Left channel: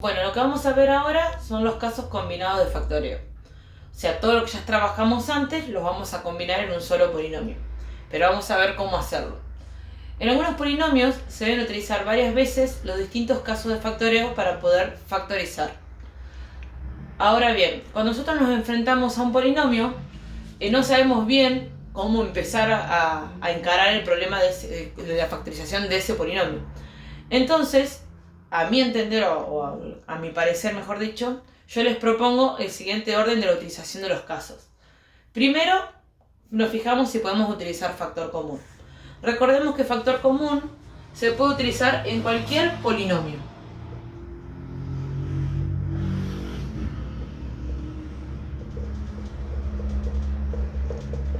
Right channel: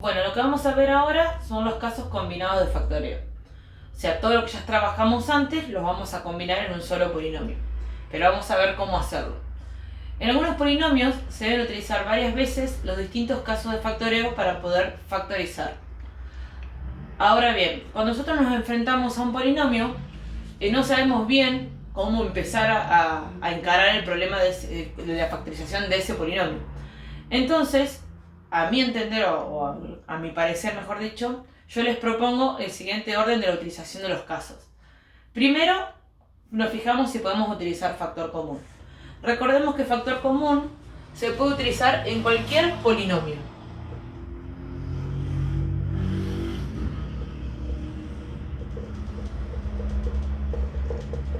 Bueno, lo que vamos a ver ahora son los casos combinados de factoreo. O sea, todo lo que ya trabajamos antes los vamos a combinar en un solo polinomio. Pero vamos a ver cómo hacerlo. En algunos polinomios se deben utilizar varias veces los distintos casos de factoreo para poder factorizar. Ahora bien, cuando nosotros nos enfrentamos a un polinomio, no sabemos bien cómo empezar a encarar el problema de la factorización de ese polinomio. Entonces, a mi entender, o a mi parecer mejor dicho, yo les propongo el siguiente orden de la utilización de los casos. Primero, nos fijamos si podemos utilizar factor común. Recordemos que factor común se puede utilizar en cualquier polinomio.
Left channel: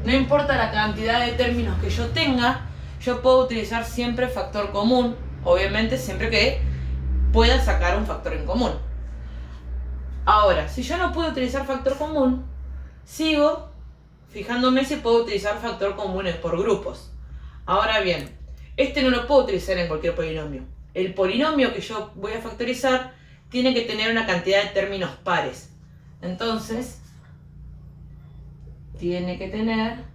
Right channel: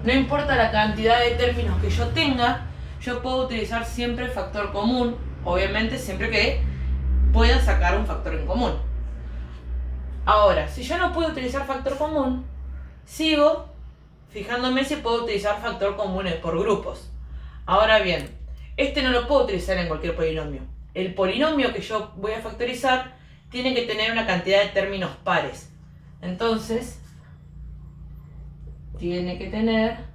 No importa la cantidad de términos que yo tenga, yo puedo utilizar siempre factor común, obviamente siempre que pueda sacar un factor en común. Ahora, si yo no puedo utilizar factor común, sigo fijándome si puedo utilizar factor común por grupos. Ahora bien, este no lo puedo utilizar en cualquier polinomio. El polinomio que yo voy a factorizar tiene que tener una cantidad de términos pares. Entonces, tiene que tener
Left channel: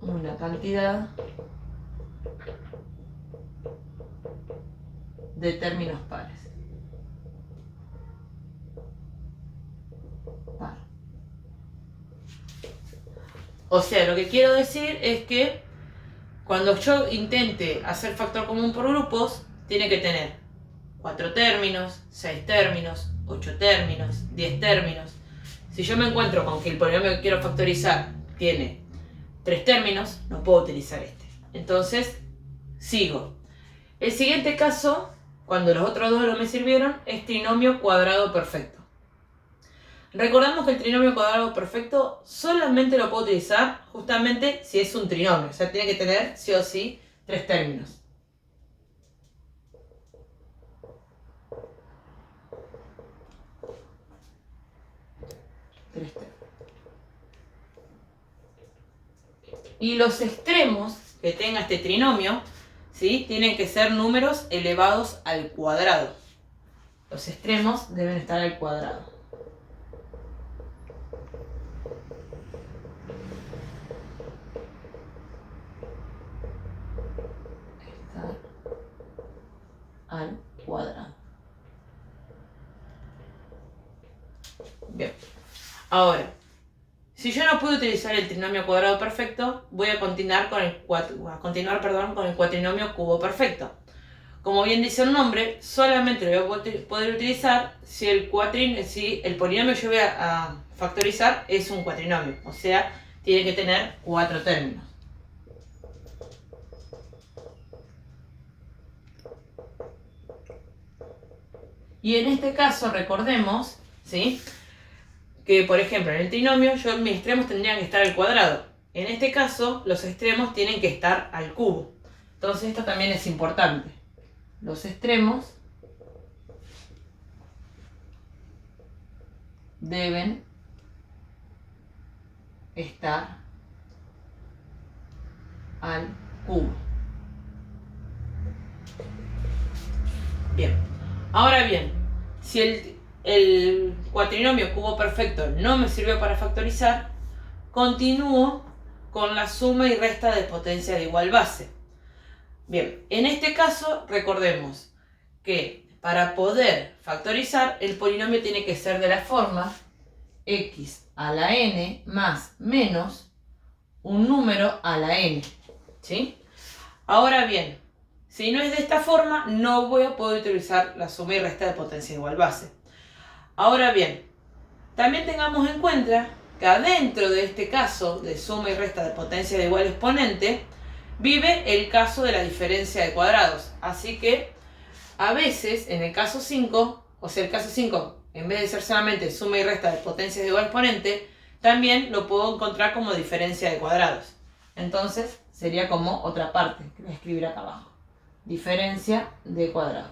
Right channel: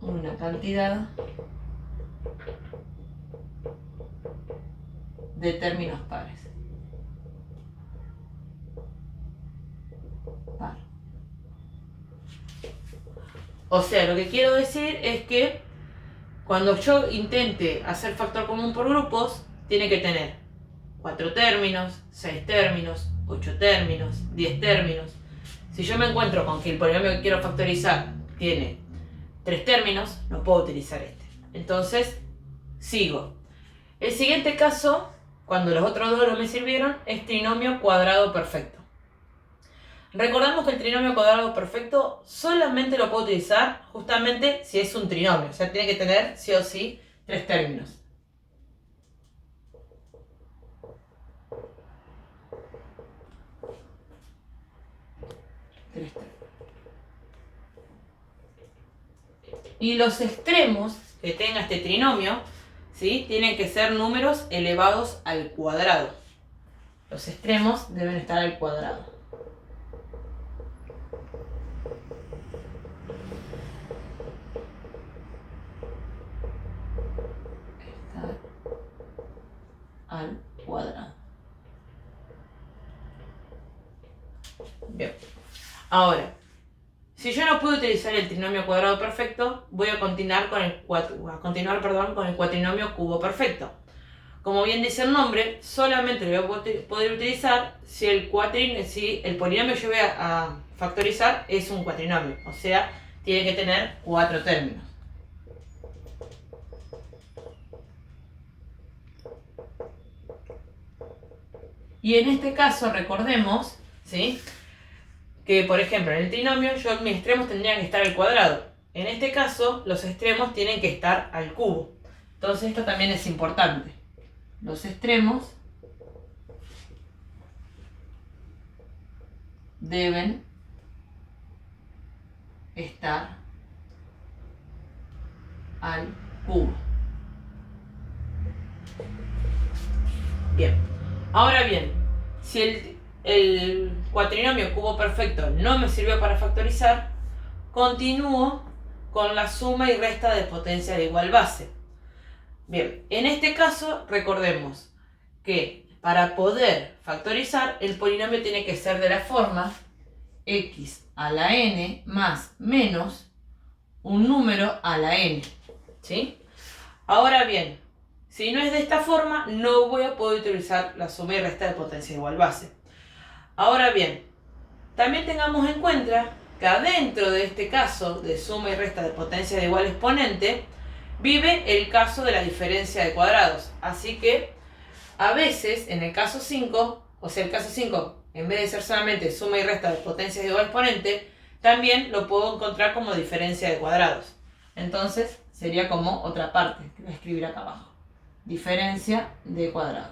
una cantidad de términos pares. Par. O sea, lo que quiero decir es que cuando yo intente hacer factor común por grupos, tiene que tener 4 términos, 6 términos, 8 términos, 10 términos. Si yo me encuentro con que el polinomio que quiero factorizar tiene 3 términos, no puedo utilizar este. Entonces, sigo. El siguiente caso, cuando los otros dos no me sirvieron, es trinomio cuadrado perfecto. Recordamos que el trinomio cuadrado perfecto solamente lo puedo utilizar justamente si es un trinomio. O sea, tiene que tener sí o sí 3 términos. Y los extremos que tenga este trinomio, ¿sí?, tienen que ser números elevados al cuadrado. Los extremos deben estar al cuadrado. Estar al cuadrado. Bien. Ahora, si yo no puedo utilizar el trinomio cuadrado perfecto, voy a continuar con el cuatrinomio cubo perfecto. Como bien dice el nombre, solamente lo voy a poder utilizar si el polinomio que yo voy a factorizar es un cuatrinomio. O sea, tiene que tener 4 términos. Y en este caso, recordemos, ¿sí?, que, por ejemplo, en el trinomio mis extremos tendrían que estar al cuadrado. En este caso, los extremos tienen que estar al cubo. Entonces, esto también es importante. Los extremos deben estar al cubo. Bien. Ahora bien, si el cuatrinomio cubo perfecto no me sirvió para factorizar, continúo con la suma y resta de potencias de igual base. Bien, en este caso recordemos que para poder factorizar el polinomio tiene que ser de la forma x a la n más menos un número a la n, ¿sí? Ahora bien, si no es de esta forma, no voy a poder utilizar la suma y resta de potencia de igual base. Ahora bien, también tengamos en cuenta que adentro de este caso de suma y resta de potencia de igual exponente, vive el caso de la diferencia de cuadrados. Así que, a veces, en el caso 5, o sea, el caso 5, en vez de ser solamente suma y resta de potencias de igual exponente, también lo puedo encontrar como diferencia de cuadrados. Entonces, sería como otra parte, que voy a escribir acá abajo. Diferencia de cuadrados.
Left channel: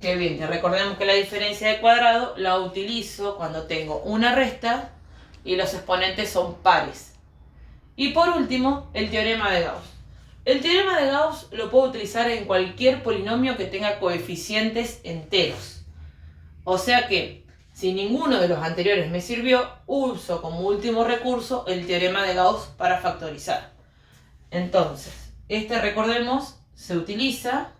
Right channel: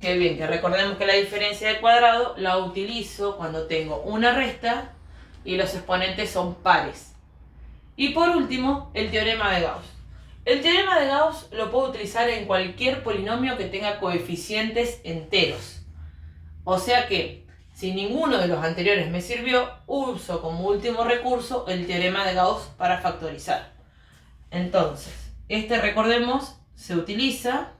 Qué bien, que recordemos que la diferencia de cuadrado la utilizo cuando tengo una resta y los exponentes son pares. Y por último, el teorema de Gauss. El teorema de Gauss lo puedo utilizar en cualquier polinomio que tenga coeficientes enteros. O sea que, si ninguno de los anteriores me sirvió, uso como último recurso el teorema de Gauss para factorizar. Entonces, este, recordemos, se utiliza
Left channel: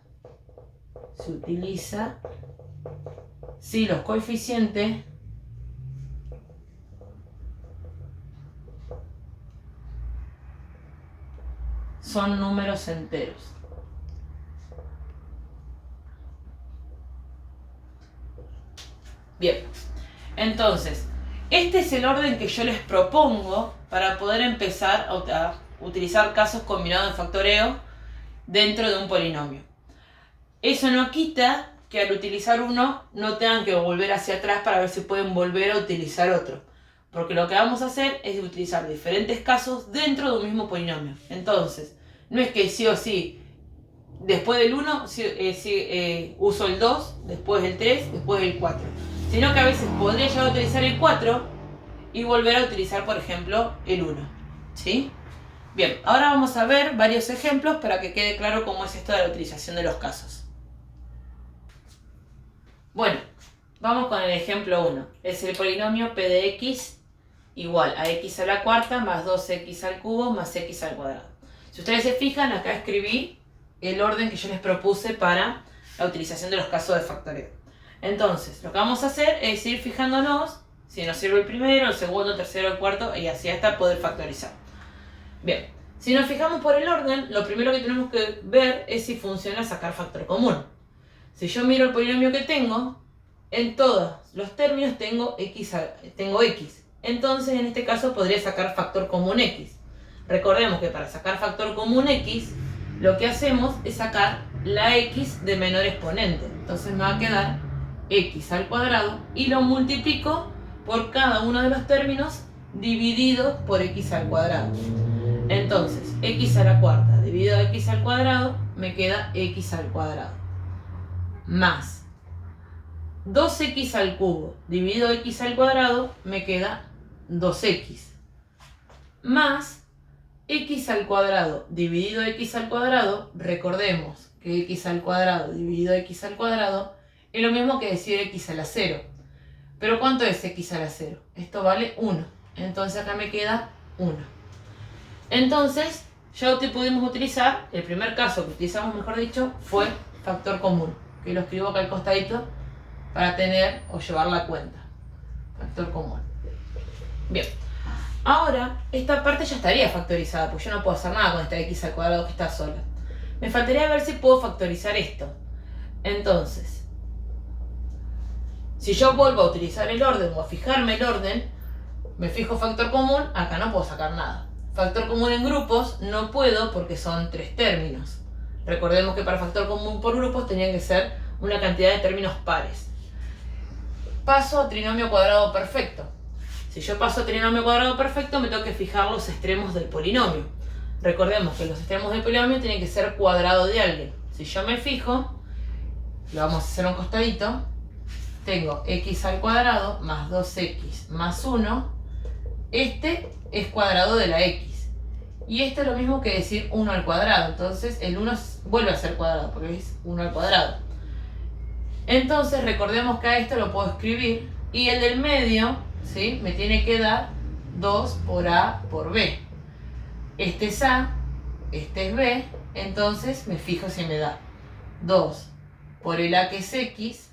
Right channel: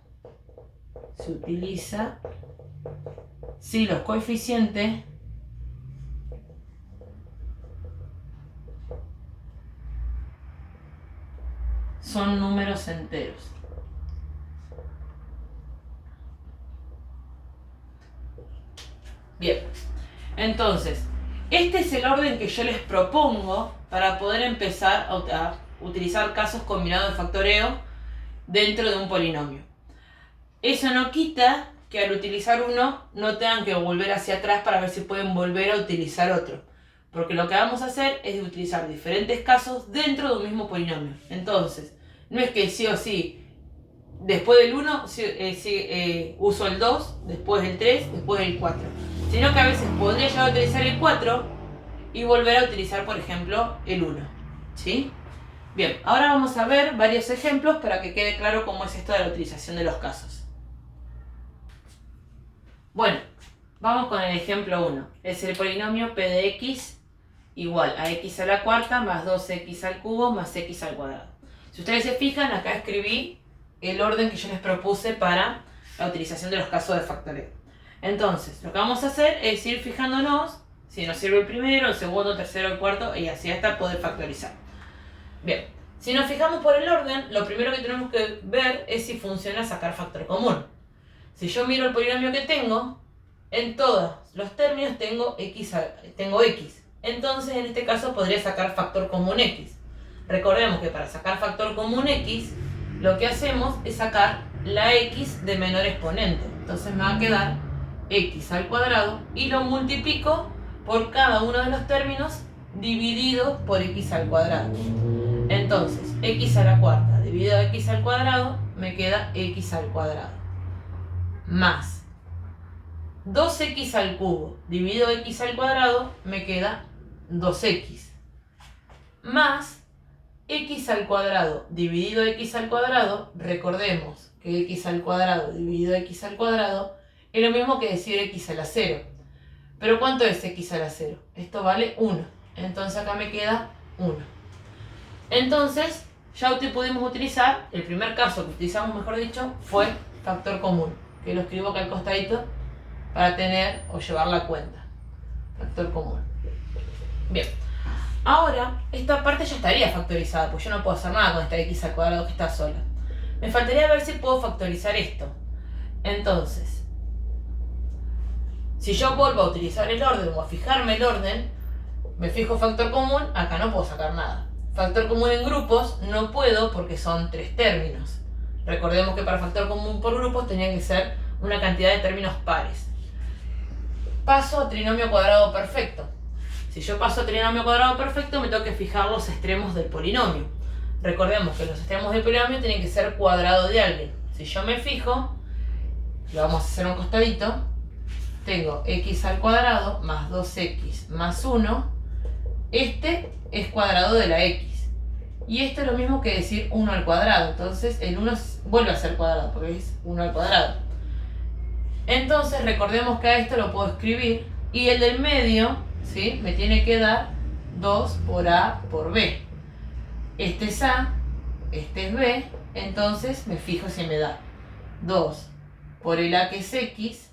si los coeficientes son números enteros. Bien, entonces, este es el orden que yo les propongo para poder empezar a utilizar casos combinados de factoreo dentro de un polinomio. Eso no quita que al utilizar uno no tengan que volver hacia atrás para ver si pueden volver a utilizar otro. Porque lo que vamos a hacer es utilizar diferentes casos dentro de un mismo polinomio. Entonces, no es que sí o sí, después del 1 uso el 2, después el 3, después el 4. Sino que a veces podría llegar a utilizar el 4 y volver a utilizar, por ejemplo, el 1. ¿Sí? Bien, ahora vamos a ver varios ejemplos para que quede claro cómo es esto de la utilización de los casos. Bueno, vamos con el ejemplo 1. Es el polinomio p de x igual a x a la cuarta más 2x al cubo más x al cuadrado. Si ustedes se fijan, acá escribí el orden que yo les propuse para la utilización de los casos de factoreo. Entonces, lo que vamos a hacer es ir fijándonos si nos sirve el primero, el segundo, el tercero, el cuarto y así hasta poder factorizar. Bien, si nos fijamos por el orden, lo primero que tenemos que ver es si funciona sacar factor común. Si yo miro el polinomio que tengo, en todos los términos tengo x. Entonces, en este caso, podría sacar factor común x. Recordemos que para sacar factor común x, lo que hacemos es sacar la x de menor exponente. Entonces me va a quedar x al cuadrado y lo multiplico por cada uno de los términos dividido por x al cuadrado. Entonces, x a la cuarta dividido x al cuadrado me queda x al cuadrado. Más 2x al cubo dividido x al cuadrado me queda 2x. Más x al cuadrado dividido x al cuadrado, recordemos que x al cuadrado dividido x al cuadrado es lo mismo que decir x a la 0. Pero ¿cuánto es x a la 0? Esto vale 1. Entonces acá me queda 1. Entonces ya pudimos utilizar, el primer caso que utilizamos, mejor dicho, fue factor común, que lo escribo acá al costadito para tener o llevar la cuenta. Factor común. Bien. Ahora, esta parte ya estaría factorizada, porque yo no puedo hacer nada con esta x al cuadrado que está sola. Me faltaría ver si puedo factorizar esto. Entonces, si yo vuelvo a utilizar el orden o a fijarme el orden, me fijo factor común, acá no puedo sacar nada. Factor común en grupos no puedo porque son 3 términos. Recordemos que para factor común por grupos tenía que ser una cantidad de términos pares. Paso a trinomio cuadrado perfecto. Si yo paso a trinomio cuadrado perfecto, me tengo que fijar los extremos del polinomio. Recordemos que los extremos del polinomio tienen que ser cuadrado de alguien. Si yo me fijo, lo vamos a hacer a un costadito, tengo x al cuadrado más 2x más 1. Este es cuadrado de la x. Y esto es lo mismo que decir 1 al cuadrado. Entonces el 1 vuelve a ser cuadrado porque es 1 al cuadrado. Entonces recordemos que a esto lo puedo escribir. Y el del medio, ¿sí?, me tiene que dar 2 por a por b. Este es a, este es b. Entonces me fijo si me da 2 por el a que es x,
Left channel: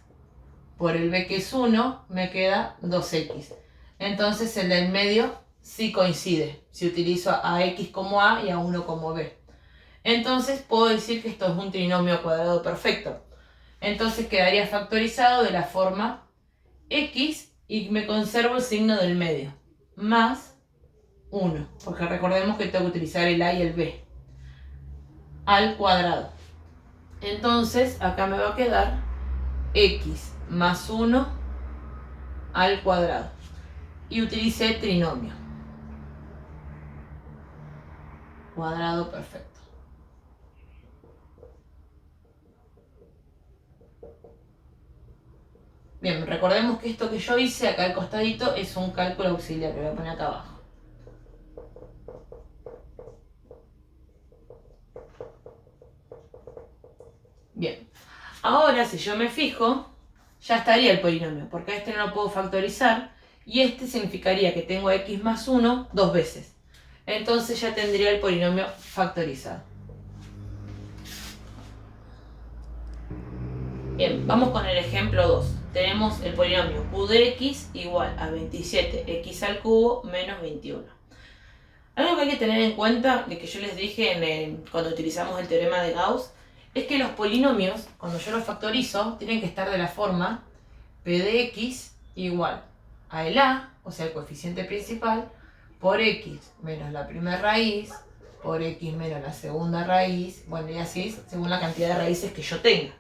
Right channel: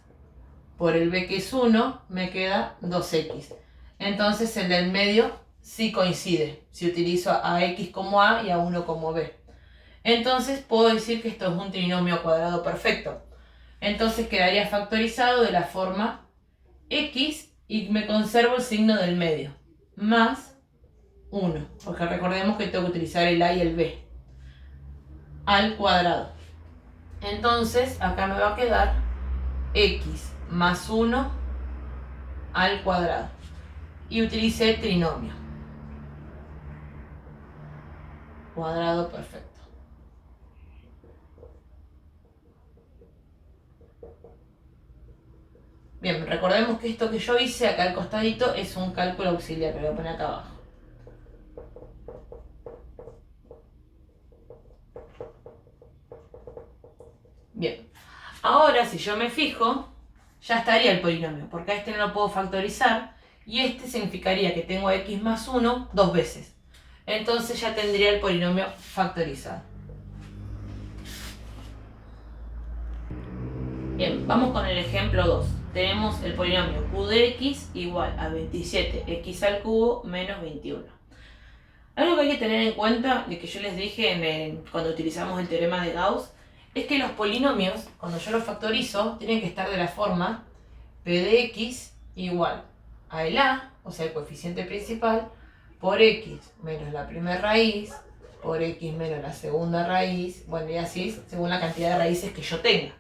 por el b que es 1, me queda 2x. Entonces el del medio sí coincide, si utilizo a x como a y a 1 como b. Entonces puedo decir que esto es un trinomio cuadrado perfecto. Entonces quedaría factorizado de la forma x y me conservo el signo del medio, más 1, porque recordemos que tengo que utilizar el a y el b, al cuadrado. Entonces acá me va a quedar x más 1 al cuadrado. Y utilicé trinomio cuadrado perfecto. Bien, recordemos que esto que yo hice acá al costadito es un cálculo auxiliar, lo voy a poner acá abajo. Bien, ahora si yo me fijo, ya estaría el polinomio, porque a este no lo puedo factorizar, y este significaría que tengo x más 1 dos veces. Entonces ya tendría el polinomio factorizado. Bien, vamos con el ejemplo 2. Tenemos el polinomio q de x igual a 27x al cubo menos 21. Algo que hay que tener en cuenta, de que yo les dije cuando utilizamos el teorema de Gauss, es que los polinomios, cuando yo los factorizo, tienen que estar de la forma p de x igual a el a, o sea el coeficiente principal, por x menos la primera raíz, por x menos la segunda raíz, bueno, y así según la cantidad de raíces que yo tenga.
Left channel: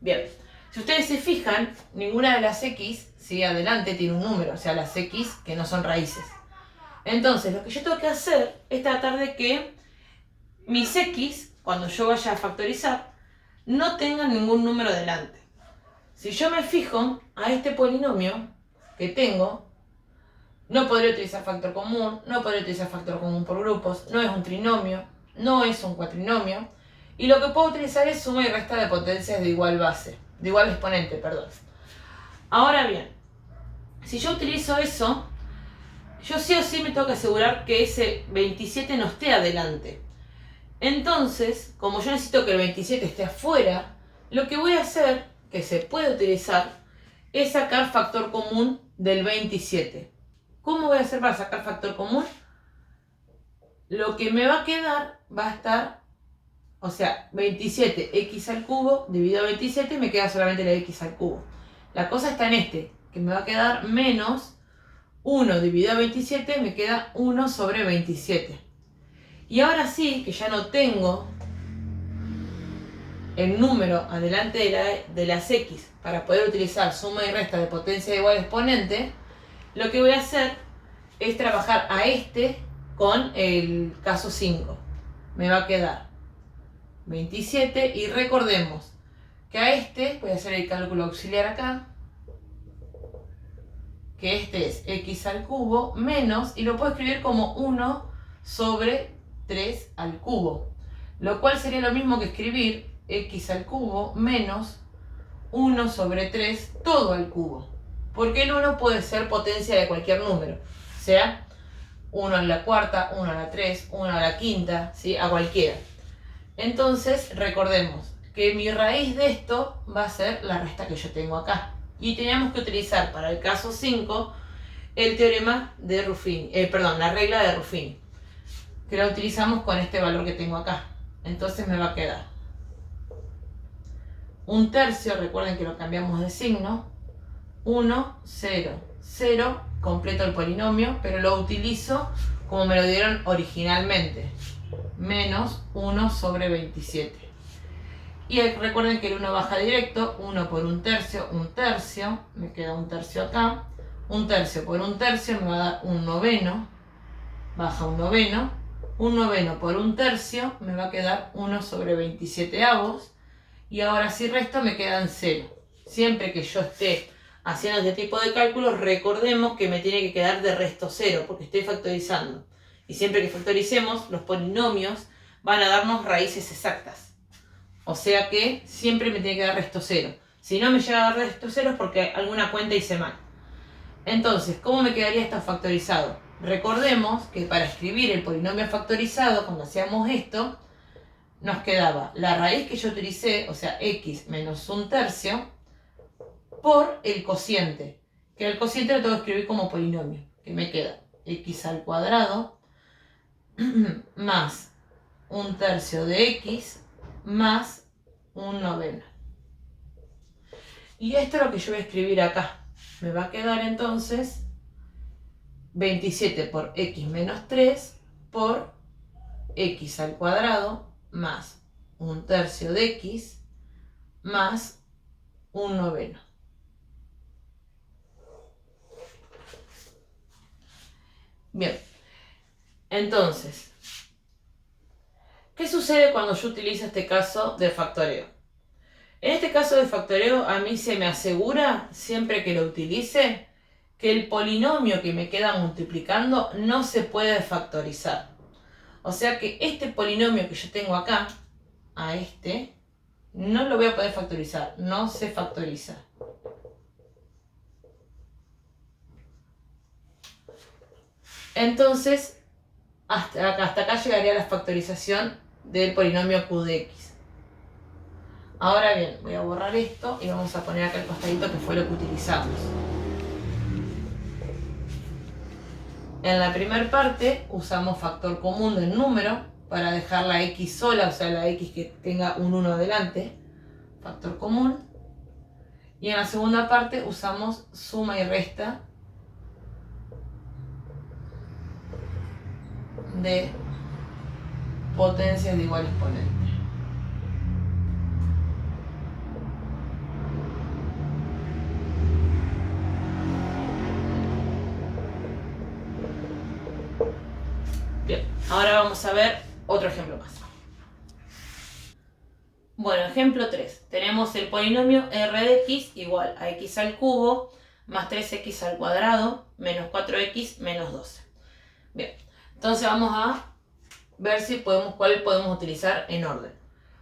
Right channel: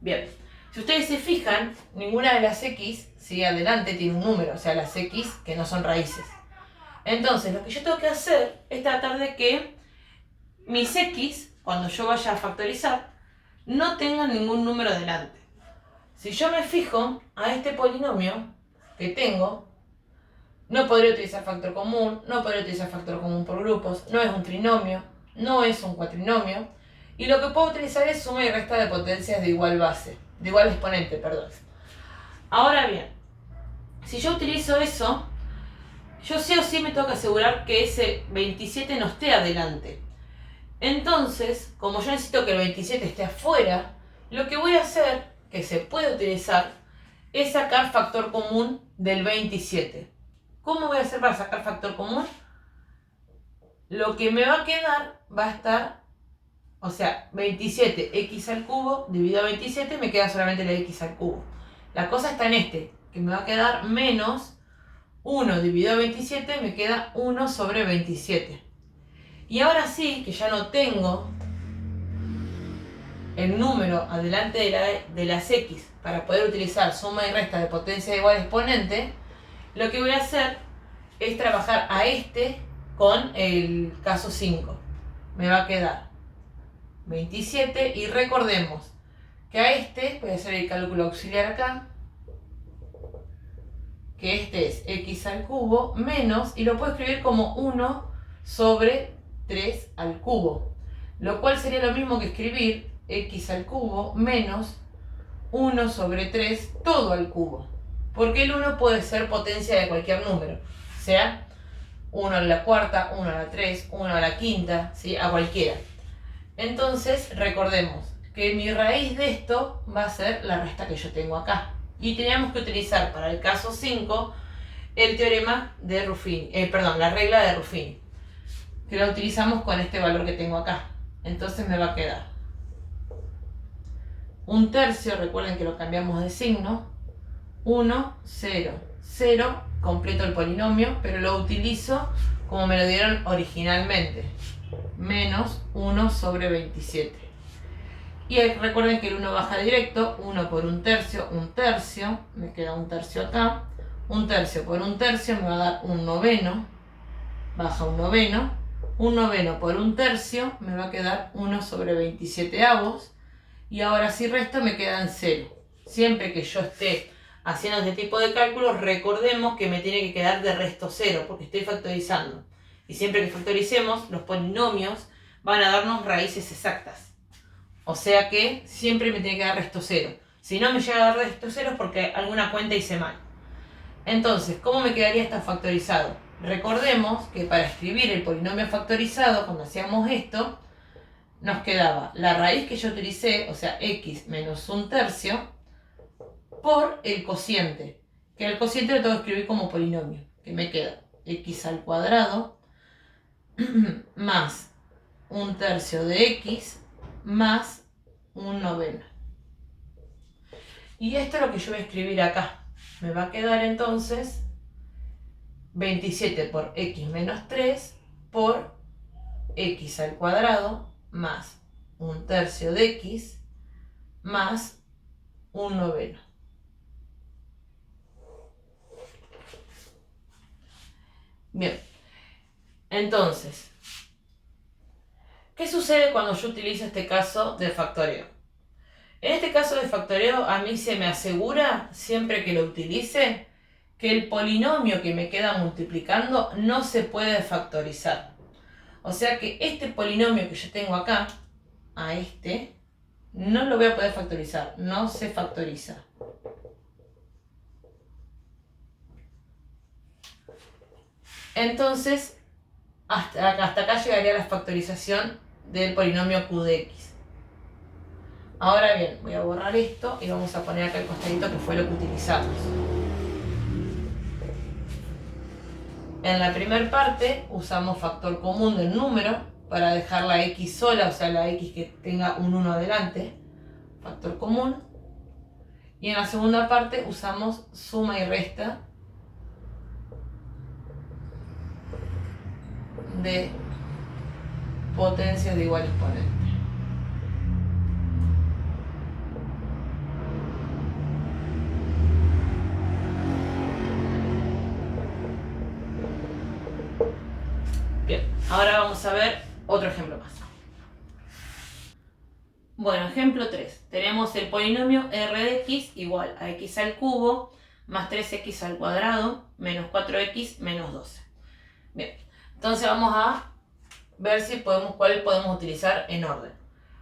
Bien, si ustedes se fijan, ninguna de las x, si adelante tiene un número, o sea, las x que no son raíces. Entonces, lo que yo tengo que hacer es tratar de que mis x, cuando yo vaya a factorizar, no tengan ningún número delante. Si yo me fijo a este polinomio que tengo, no podría utilizar factor común, no podría utilizar factor común por grupos, no es un trinomio, no es un cuatrinomio, y lo que puedo utilizar es suma y resta de potencias de igual base, de igual exponente, perdón. Ahora bien, si yo utilizo eso, yo sí o sí me tengo que asegurar que ese 27 no esté adelante. Entonces, como yo necesito que el 27 esté afuera, lo que voy a hacer, que se puede utilizar, es sacar factor común del 27. ¿Cómo voy a hacer para sacar factor común? Lo que me va a quedar va a estar, o sea, 27x al cubo dividido a 27 me queda solamente la x al cubo. La cosa está en que me va a quedar menos 1 dividido a 27 me queda 1 sobre 27. Y ahora sí, que ya no tengo el número adelante de las x para poder utilizar suma y resta de potencia de igual exponente, lo que voy a hacer es trabajar a este con el caso 5. Me va a quedar 27 y recordemos que a este, voy a hacer el cálculo auxiliar acá, que este es x al cubo menos, y lo puedo escribir como 1 sobre 3 al cubo, lo cual sería lo mismo que escribir x al cubo menos 1 sobre 3 todo al cubo, porque el 1 puede ser potencia de cualquier número, o sea, 1 a la cuarta, 1 a la 3, 1 a la quinta, ¿sí? A cualquiera. Entonces, recordemos que mi raíz de esto va a ser la resta que yo tengo acá. Y teníamos que utilizar para el caso 5 el teorema de Ruffini, la regla de Ruffini, que la utilizamos con este valor que tengo acá. Entonces me va a quedar un tercio, recuerden que lo cambiamos de signo, 1, 0, 0, completo el polinomio, pero lo utilizo como me lo dieron originalmente, menos 1 sobre 27. Y recuerden que el 1 baja directo, 1 por un tercio, me queda un tercio acá, un tercio por un tercio me va a dar un noveno, baja un noveno por un tercio me va a quedar 1 sobre 27 avos, y ahora si resto me quedan 0. Siempre que yo esté haciendo este tipo de cálculos, recordemos que me tiene que quedar de resto 0, porque estoy factorizando. Y siempre que factoricemos, los polinomios van a darnos raíces exactas. O sea que siempre me tiene que dar resto 0. Si no me llega a dar resto 0 es porque alguna cuenta hice mal. Entonces, ¿cómo me quedaría esto factorizado? Recordemos que para escribir el polinomio factorizado, cuando hacíamos esto, nos quedaba la raíz que yo utilicé, o sea, x menos un tercio, por el cociente. Que el cociente lo tengo que escribir como polinomio. Que me queda x al cuadrado más un tercio de x más un noveno. Y esto es lo que yo voy a escribir acá. Me va a quedar entonces 27 por x menos 3 por x al cuadrado más un tercio de x más un noveno. Bien, entonces, ¿qué sucede cuando yo utilizo este caso del factoreo? En este caso de factoreo, a mí se me asegura, siempre que lo utilice, que el polinomio que me queda multiplicando no se puede factorizar. O sea que este polinomio que yo tengo acá, a este, no lo voy a poder factorizar, no se factoriza. Entonces, hasta acá llegaría la factorización del polinomio q de x. Ahora bien, voy a borrar esto y vamos a poner acá el costadito que fue lo que utilizamos. En la primera parte usamos factor común del número para dejar la x sola, o sea la x que tenga un 1 adelante, factor común. Y en la segunda parte usamos suma y resta de potencias de igual exponente. Bien, ahora vamos a ver otro ejemplo más. Bueno, ejemplo 3. Tenemos el polinomio r de x igual a x al cubo más 3x al cuadrado menos 4x menos 12. Bien, entonces vamos a ver cuál podemos utilizar en orden.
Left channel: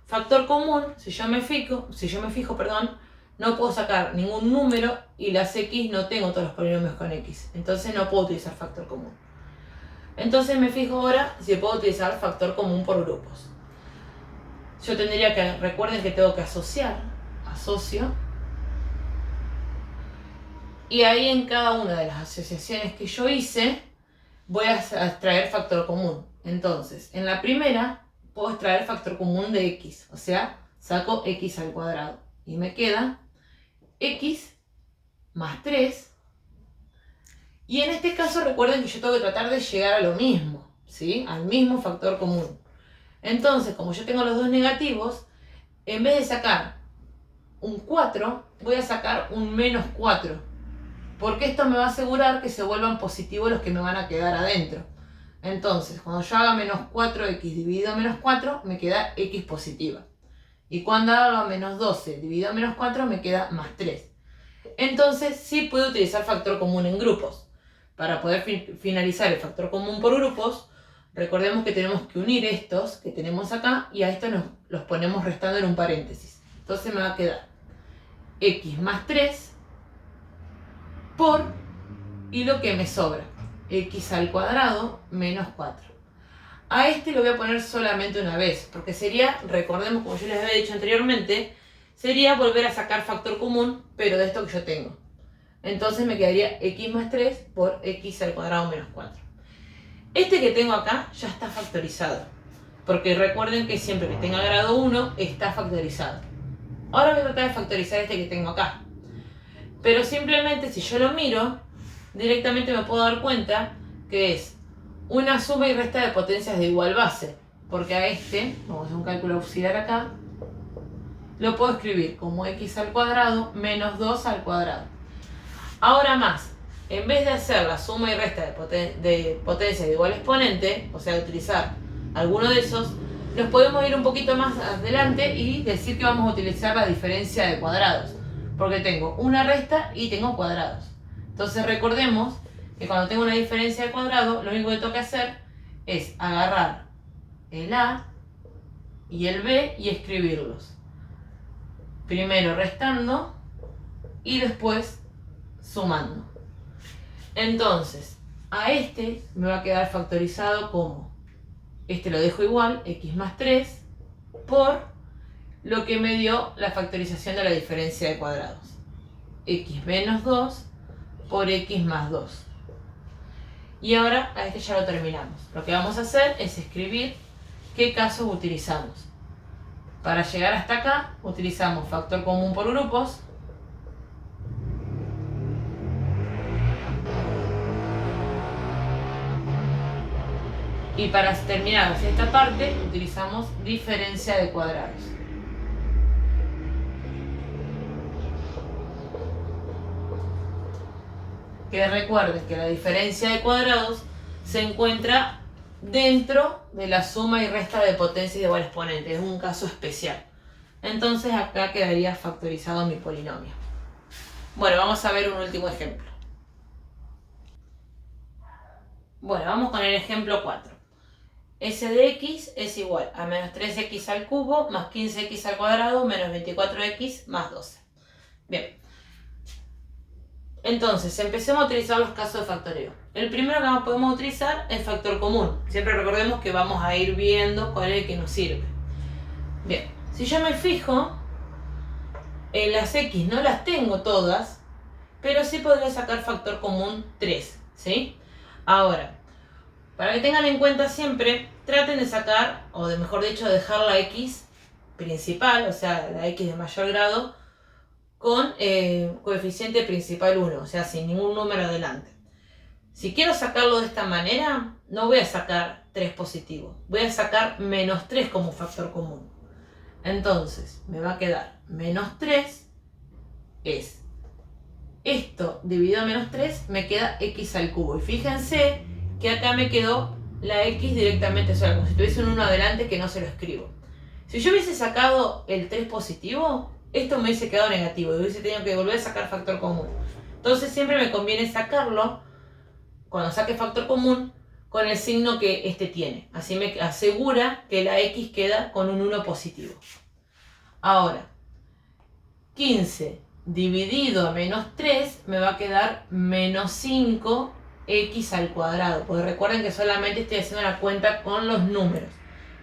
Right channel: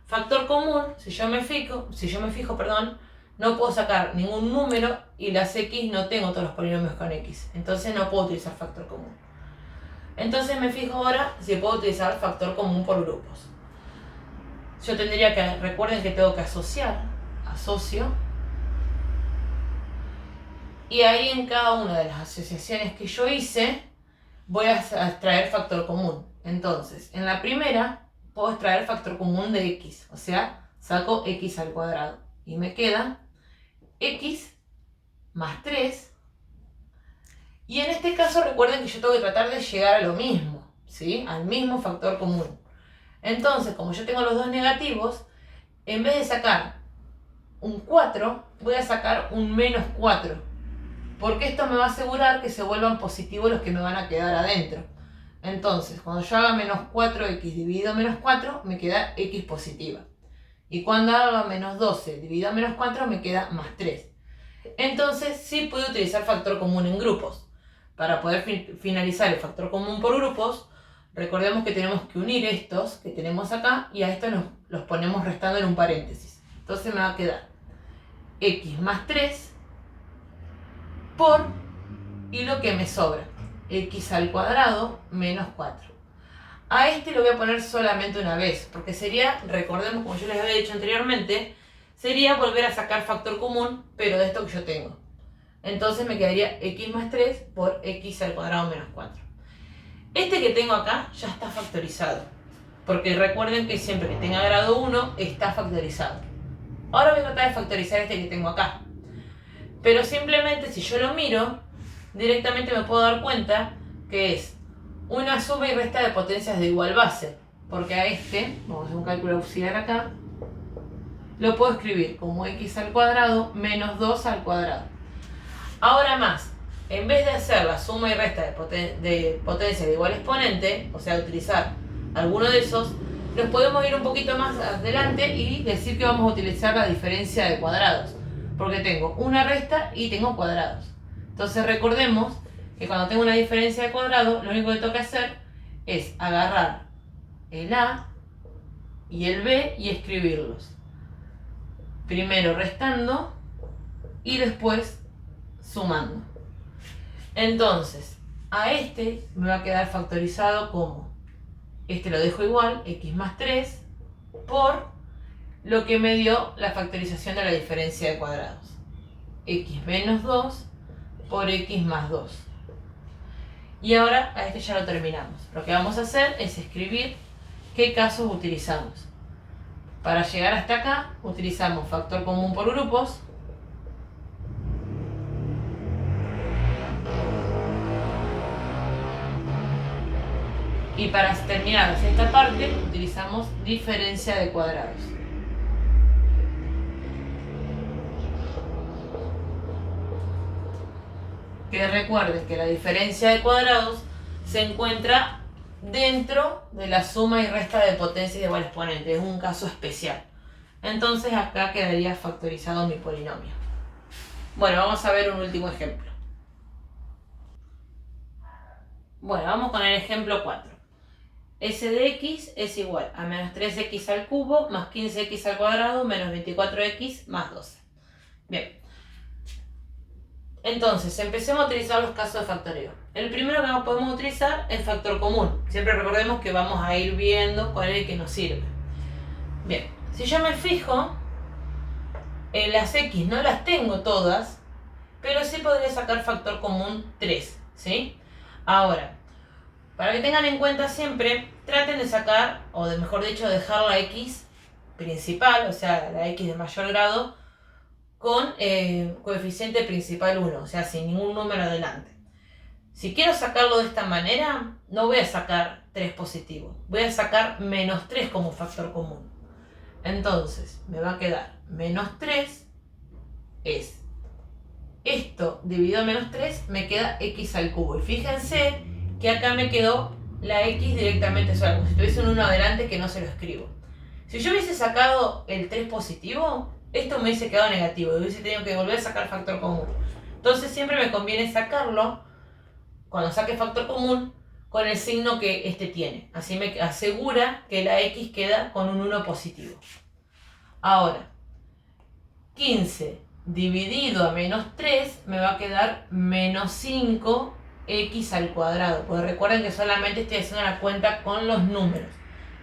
Factor común, si yo me fijo, no puedo sacar ningún número y las x no tengo todos los polinomios con x. Entonces no puedo utilizar factor común. Entonces me fijo ahora si puedo utilizar factor común por grupos. Yo tendría que, recuerden que tengo que asociar, asocio. Y ahí en cada una de las asociaciones que yo hice, voy a extraer factor común. Entonces, en la primera, puedo extraer factor común de x. O sea, saco x al cuadrado. Y me queda x más 3. Y en este caso recuerden que yo tengo que tratar de llegar a lo mismo, ¿sí? Al mismo factor común. Entonces, como yo tengo los dos negativos, en vez de sacar un 4, voy a sacar un menos 4. Porque esto me va a asegurar que se vuelvan positivos los que me van a quedar adentro. Entonces, cuando yo haga menos 4x dividido menos 4, me queda x positiva. Y cuando haga menos 12 dividido menos 4, me queda más 3. Entonces, sí puedo utilizar factor común en grupos. Para poder finalizar el factor común por grupos, recordemos que tenemos que unir estos que tenemos acá y a estos los ponemos restando en un paréntesis. Entonces me va a quedar x más 3 por, y lo que me sobra, x al cuadrado menos 4. A este lo voy a poner solamente una vez, porque sería, recordemos como yo les había dicho anteriormente, sería volver a sacar factor común, pero de esto que yo tengo. Entonces me quedaría x más 3 por x al cuadrado menos 4. Este que tengo acá ya está factorizado, porque recuerden que siempre que tenga grado 1 está factorizado. Ahora voy a tratar de factorizar este que tengo acá. Pero simplemente si yo lo miro, directamente me puedo dar cuenta que es una suma y resta de potencias de igual base. Porque a este, vamos a hacer un cálculo auxiliar acá, lo puedo escribir como x al cuadrado menos 2 al cuadrado. Ahora más, en vez de hacer la suma y resta de potencias de igual exponente, o sea, utilizar alguno de esos, nos podemos ir un poquito más adelante y decir que vamos a utilizar la diferencia de cuadrados. Porque tengo una resta y tengo cuadrados. Entonces recordemos que cuando tengo una diferencia de cuadrado, lo único que tengo que hacer es agarrar el a y el b y escribirlos. Primero restando y después sumando. Entonces, a este me va a quedar factorizado como, este lo dejo igual, x más 3 por lo que me dio la factorización de la diferencia de cuadrados. X menos 2 por x más 2. Y ahora a este ya lo terminamos. Lo que vamos a hacer es escribir qué casos utilizamos. Para llegar hasta acá utilizamos factor común por grupos. Y para terminar hacia esta parte utilizamos diferencia de cuadrados. Que recuerden que la diferencia de cuadrados se encuentra dentro de la suma y resta de potencias de igual exponente. Es un caso especial. Entonces acá quedaría factorizado mi polinomio. Bueno, vamos a ver un último ejemplo. Bueno, vamos con el ejemplo 4. S de x es igual a menos 3x al cubo más 15x al cuadrado menos 24x más 12. Bien. Entonces, empecemos a utilizar los casos de factoreo. El primero que podemos utilizar es el factor común. Siempre recordemos que vamos a ir viendo cuál es el que nos sirve. Bien, si yo me fijo, las x no las tengo todas, pero sí podría sacar factor común 3, ¿sí? Ahora, para que tengan en cuenta siempre, traten de sacar, o de mejor dicho, dejar la x principal, o sea, la x de mayor grado, con coeficiente principal 1, o sea, sin ningún número adelante. Si quiero sacarlo de esta manera, no voy a sacar 3 positivo, voy a sacar menos 3 como factor común. Entonces, me va a quedar menos 3 es esto dividido a menos 3, me queda x al cubo. Y fíjense que acá me quedó la x directamente sola, como si tuviese un 1 adelante que no se lo escribo. Si yo hubiese sacado el 3 positivo, esto me hubiese quedado negativo y hubiese tenido que volver a sacar factor común. Entonces siempre me conviene sacarlo, cuando saque factor común, con el signo que este tiene. Así me asegura que la x queda con un 1 positivo. Ahora, 15 dividido a menos 3 me va a quedar menos 5x al cuadrado. Porque recuerden que solamente estoy haciendo la cuenta con los números.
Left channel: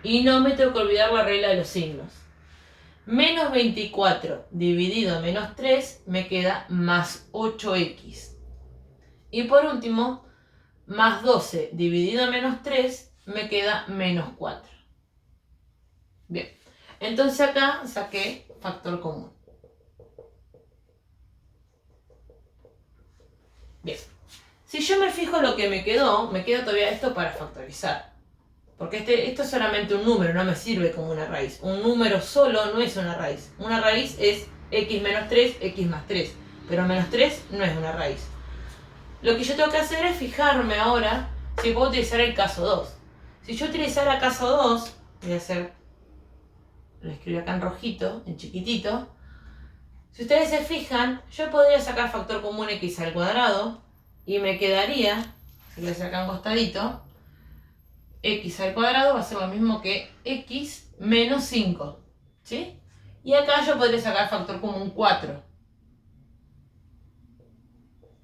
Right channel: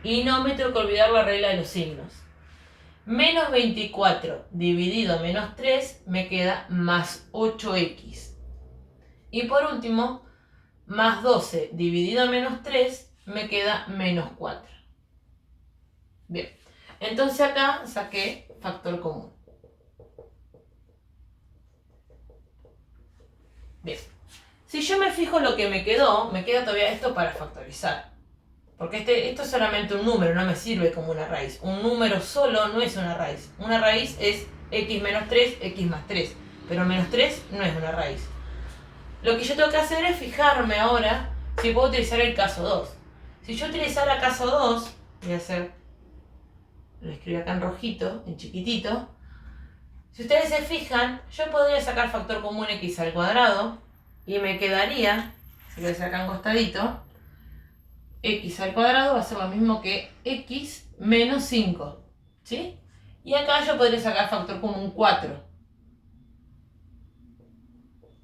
Y no me tengo que olvidar la regla de los signos. Menos 24 dividido a menos 3 me queda más 8x. Y por último, más 12 dividido a menos 3 me queda menos 4. Bien, entonces acá saqué factor común. Bien, si yo me fijo lo que me queda todavía esto para factorizar. Porque esto es solamente un número, no me sirve como una raíz. Un número solo no es una raíz. Una raíz es x menos 3, x más 3. Pero menos 3 no es una raíz. Lo que yo tengo que hacer es fijarme ahora si puedo utilizar el caso 2. Si yo utilizara caso 2, voy a hacer, lo escribo acá en rojito, en chiquitito. Si ustedes se fijan, yo podría sacar factor común x al cuadrado y me quedaría, se lo voy a sacar un costadito, x al cuadrado va a ser lo mismo que x menos 5, ¿sí? Y acá yo podría sacar factor común 4.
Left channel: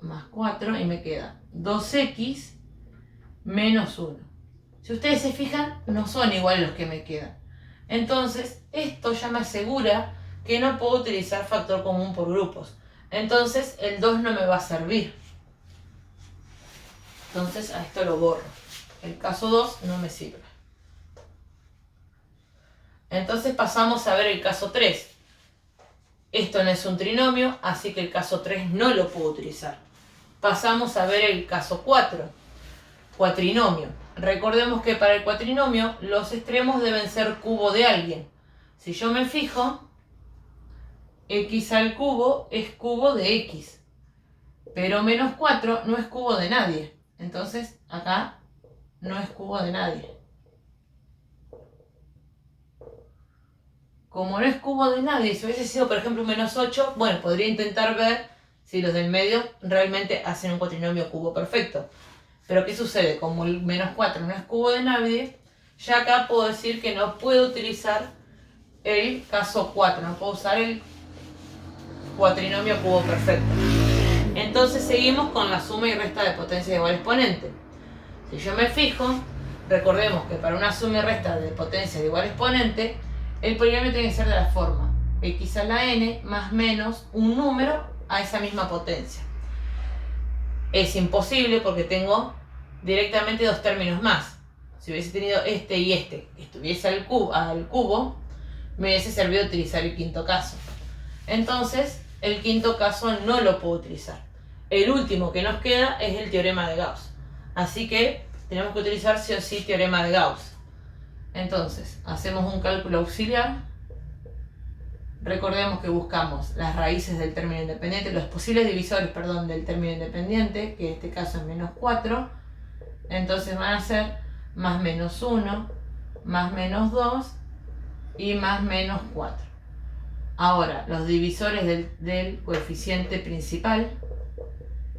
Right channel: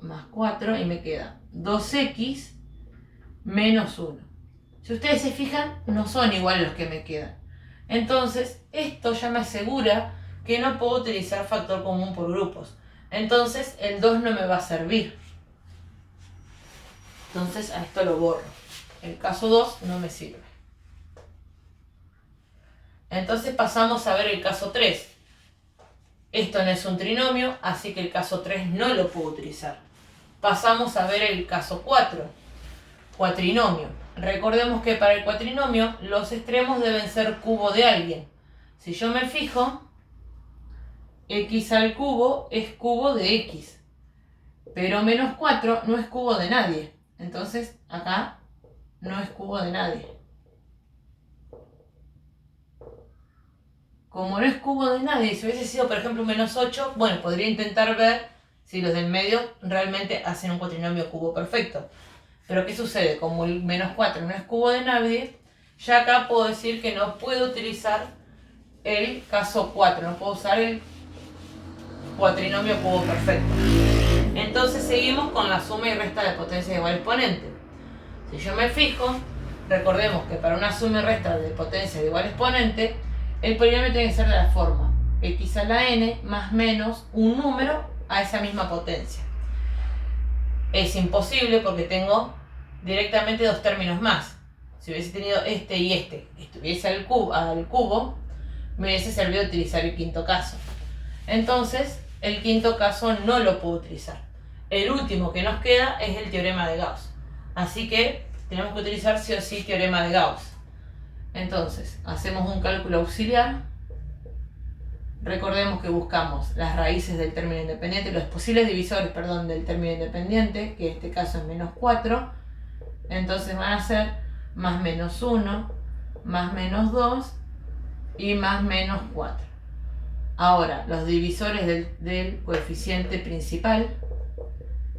Más 4 y me queda 2x menos 1. Si ustedes se fijan, no son iguales los que me quedan. Entonces, esto ya me asegura que no puedo utilizar factor común por grupos. Entonces, el 2 no me va a servir. Entonces, a esto lo borro. El caso 2 no me sirve. Entonces pasamos a ver el caso 3. Esto no es un trinomio, así que el caso 3 no lo puedo utilizar. Pasamos a ver el caso 4. Cuatrinomio. Recordemos que para el cuatrinomio los extremos deben ser cubo de alguien. Si yo me fijo, x al cubo es cubo de x. Pero menos 4 no es cubo de nadie. Entonces acá no es cubo de nadie. Como no es cubo de nadie, si hubiese sido por ejemplo un menos 8, bueno, podría intentar ver si los del medio realmente hacen un cuatrinomio cubo perfecto. Pero ¿qué sucede? Como el menos 4 no es cubo de nadie, ya acá puedo decir que no puedo utilizar el caso 4, no puedo usar el cuatrinomio cubo perfecto. Entonces seguimos con la suma y resta de potencias de igual exponente. Si yo me fijo, recordemos que para una suma y resta de potencias de igual exponente, el polinomio tiene que ser de la forma x a la n más menos un número a esa misma potencia. Es imposible porque tengo directamente dos términos más. Si hubiese tenido este y este que estuviese al cubo, me hubiese servido utilizar el quinto caso. Entonces, el quinto caso no lo puedo utilizar. El último que nos queda es el teorema de Gauss. Así que tenemos que utilizar sí o sí teorema de Gauss. Entonces, hacemos un cálculo auxiliar. Recordemos que buscamos las raíces del término independiente, los posibles divisores, perdón, del término independiente, que en este caso es menos 4. Entonces van a ser más menos 1, más menos 2 y más menos 4. Ahora, los divisores del coeficiente principal,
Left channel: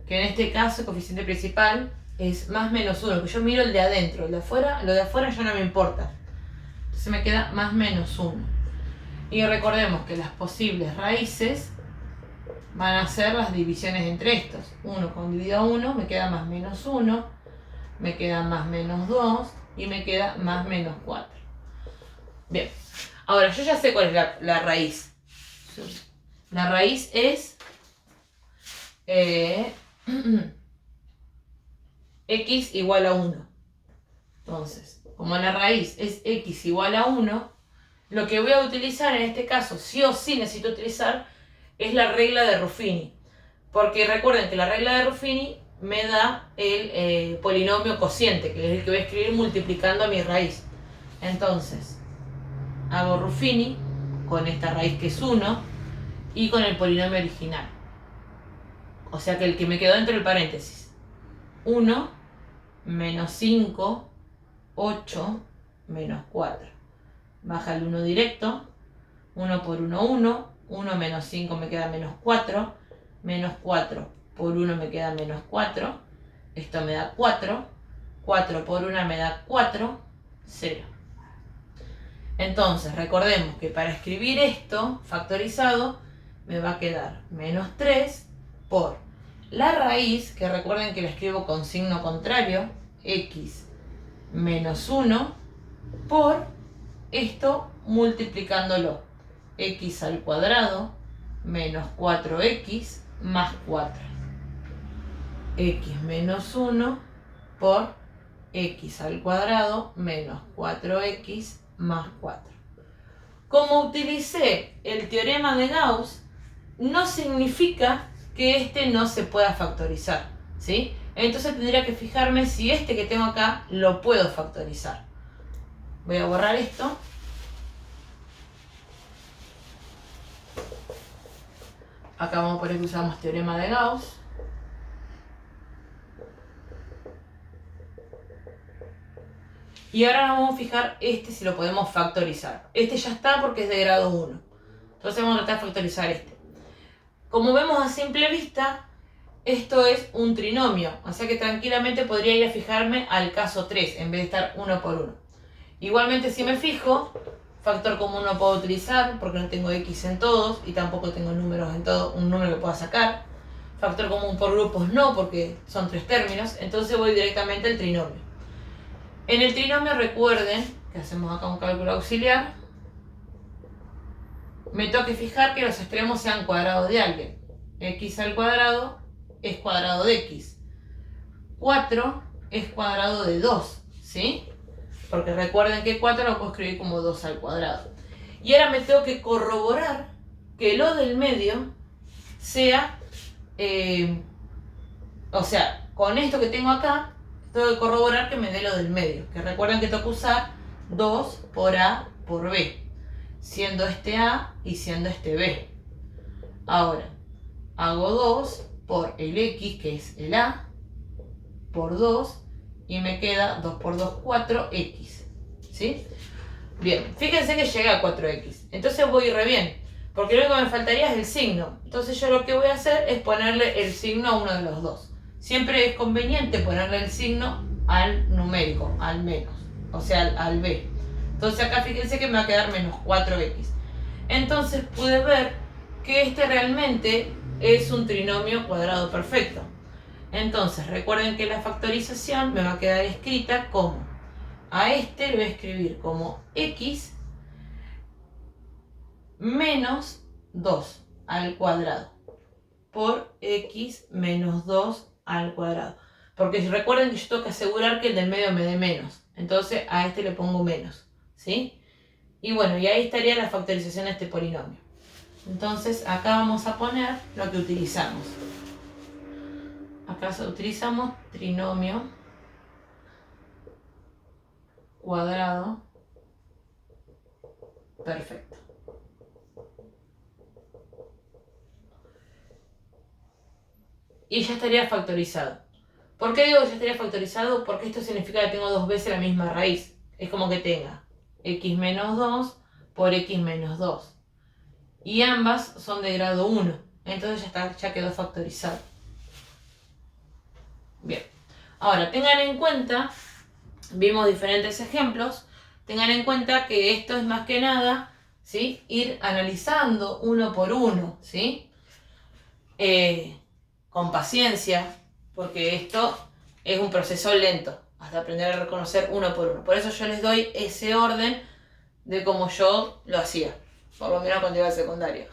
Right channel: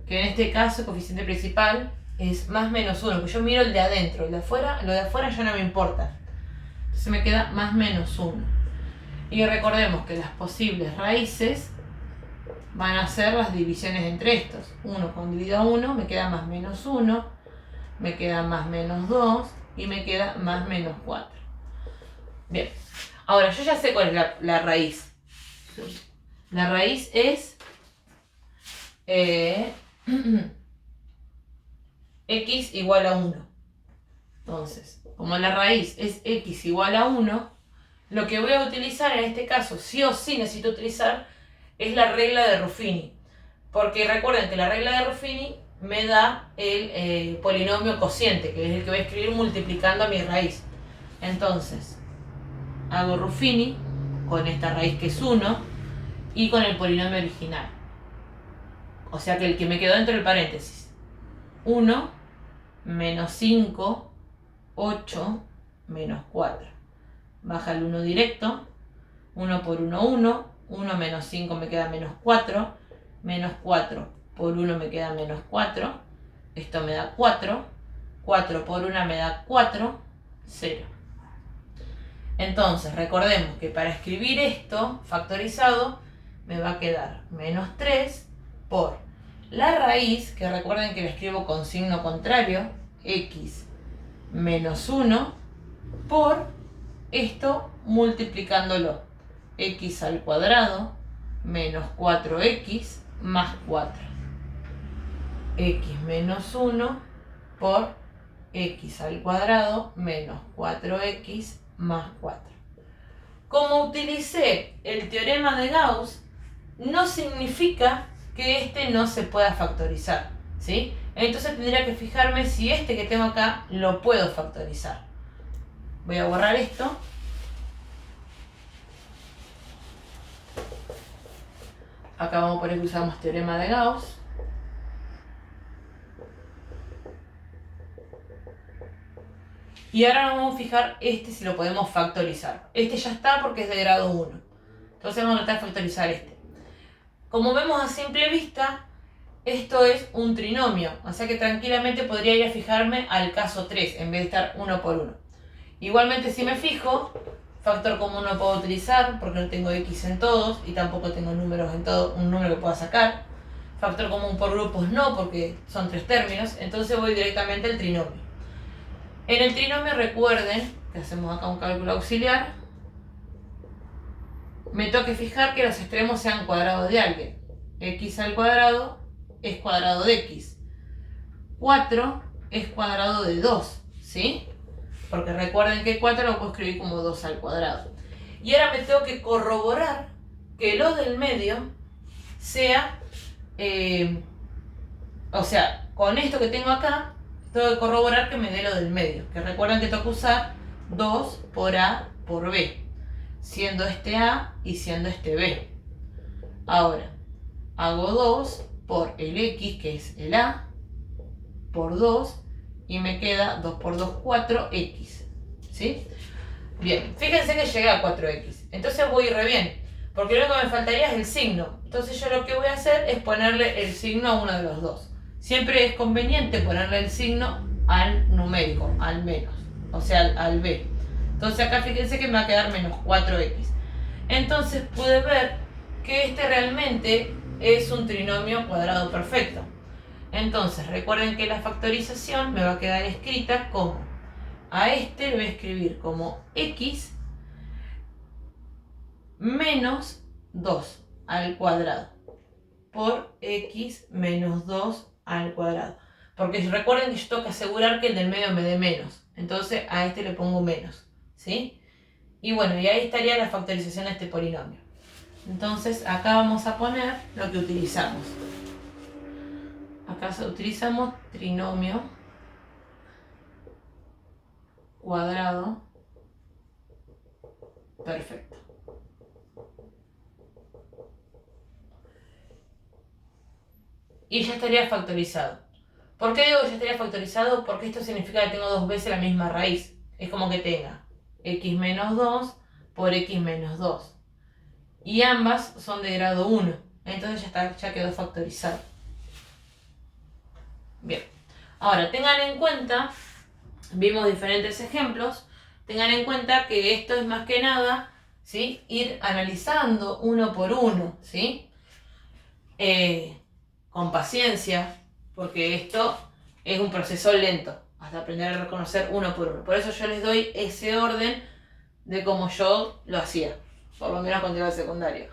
que en este caso el coeficiente principal es más menos 1, porque yo miro el de adentro, lo de afuera ya no me importa. Entonces me queda más menos 1. Y recordemos que las posibles raíces van a ser las divisiones entre estos. 1 con dividido a 1 me queda más menos 1, me queda más menos 2 y me queda más menos 4. Bien, ahora yo ya sé cuál es la raíz. La raíz es x igual a 1. Entonces, como la raíz es x igual a 1, lo que voy a utilizar en este caso, sí o sí necesito utilizar, es la regla de Ruffini. Porque recuerden que la regla de Ruffini me da el polinomio cociente, que es el que voy a escribir multiplicando a mi raíz. Entonces, hago Ruffini con esta raíz que es 1 y con el polinomio original. O sea que el que me quedó dentro del paréntesis. 1 menos 5, 8 menos 4. Baja el 1 directo. 1 por 1, 1. 1 menos 5 me queda menos 4. Menos 4 por 1 me queda menos 4. Esto me da 4. 4 por 1 me da 4. 0. Entonces, recordemos que para escribir esto factorizado me va a quedar menos 3 por la raíz, que recuerden que la escribo con signo contrario, x menos 1, por esto multiplicándolo. X al cuadrado menos 4x más 4. X menos 1 por x al cuadrado menos 4x más 4. Como utilicé el teorema de Gauss, no significa que este no se pueda factorizar, ¿sí? Entonces tendría que fijarme si este que tengo acá lo puedo factorizar. Voy a borrar esto. Acá vamos a poner que usamos teorema de Gauss. Y ahora vamos a fijar este si lo podemos factorizar. Este ya está porque es de grado 1. Entonces vamos a tratar de factorizar este. Como vemos a simple vista, esto es un trinomio. O sea que tranquilamente podría ir a fijarme al caso 3 en vez de estar 1 por 1. Igualmente si me fijo, factor común no puedo utilizar porque no tengo x en todos y tampoco tengo números en todo, un número que pueda sacar. Factor común por grupos no, porque son 3 términos. Entonces voy directamente al trinomio. En el trinomio recuerden que hacemos acá un cálculo auxiliar. Me tengo que fijar que los extremos sean cuadrados de alguien. X al cuadrado es cuadrado de x. 4 es cuadrado de 2, ¿sí? Porque recuerden que 4 lo puedo escribir como 2 al cuadrado. Y ahora me tengo que corroborar que lo del medio sea... o sea, con esto que tengo acá, tengo que corroborar que me dé lo del medio. Que recuerden que tengo que usar 2 por A por B. Siendo este A y siendo este B. Ahora, hago 2 por el X, que es el A, por 2, y me queda 2 por 2, 4X. ¿Sí? Bien, fíjense que llegué a 4X. Entonces voy re bien, porque lo único que me faltaría es el signo. Entonces yo lo que voy a hacer es ponerle el signo a uno de los dos. Siempre es conveniente ponerle el signo al numérico, al menos, o sea, al B. Entonces acá fíjense que me va a quedar menos 4x. Entonces pude ver que este realmente es un trinomio cuadrado perfecto. Entonces recuerden que la factorización me va a quedar escrita como, a este le voy a escribir como x menos 2 al cuadrado por x menos 2 al cuadrado. Porque recuerden que yo tengo que asegurar que el del medio me dé menos. Entonces a este le pongo menos. ¿Sí? Y bueno, y ahí estaría la factorización de este polinomio. Entonces acá vamos a poner lo que utilizamos. Acá utilizamos trinomio cuadrado perfecto. Y ya estaría factorizado. ¿Por qué digo que ya estaría factorizado? Porque esto significa que tengo dos veces la misma raíz. Es como que tenga x menos 2 por x menos 2. y ambas son de grado 1. Entonces ya quedó factorizado. Bien, ahora tengan en cuenta, vimos diferentes ejemplos, tengan en cuenta que esto es más que nada, ¿sí?, ir analizando uno por uno, ¿sí? Con paciencia, porque esto es un proceso lento, hasta aprender a reconocer uno por uno. Por eso yo les doy ese orden de como yo lo hacía, por lo menos cuando iba al secundario.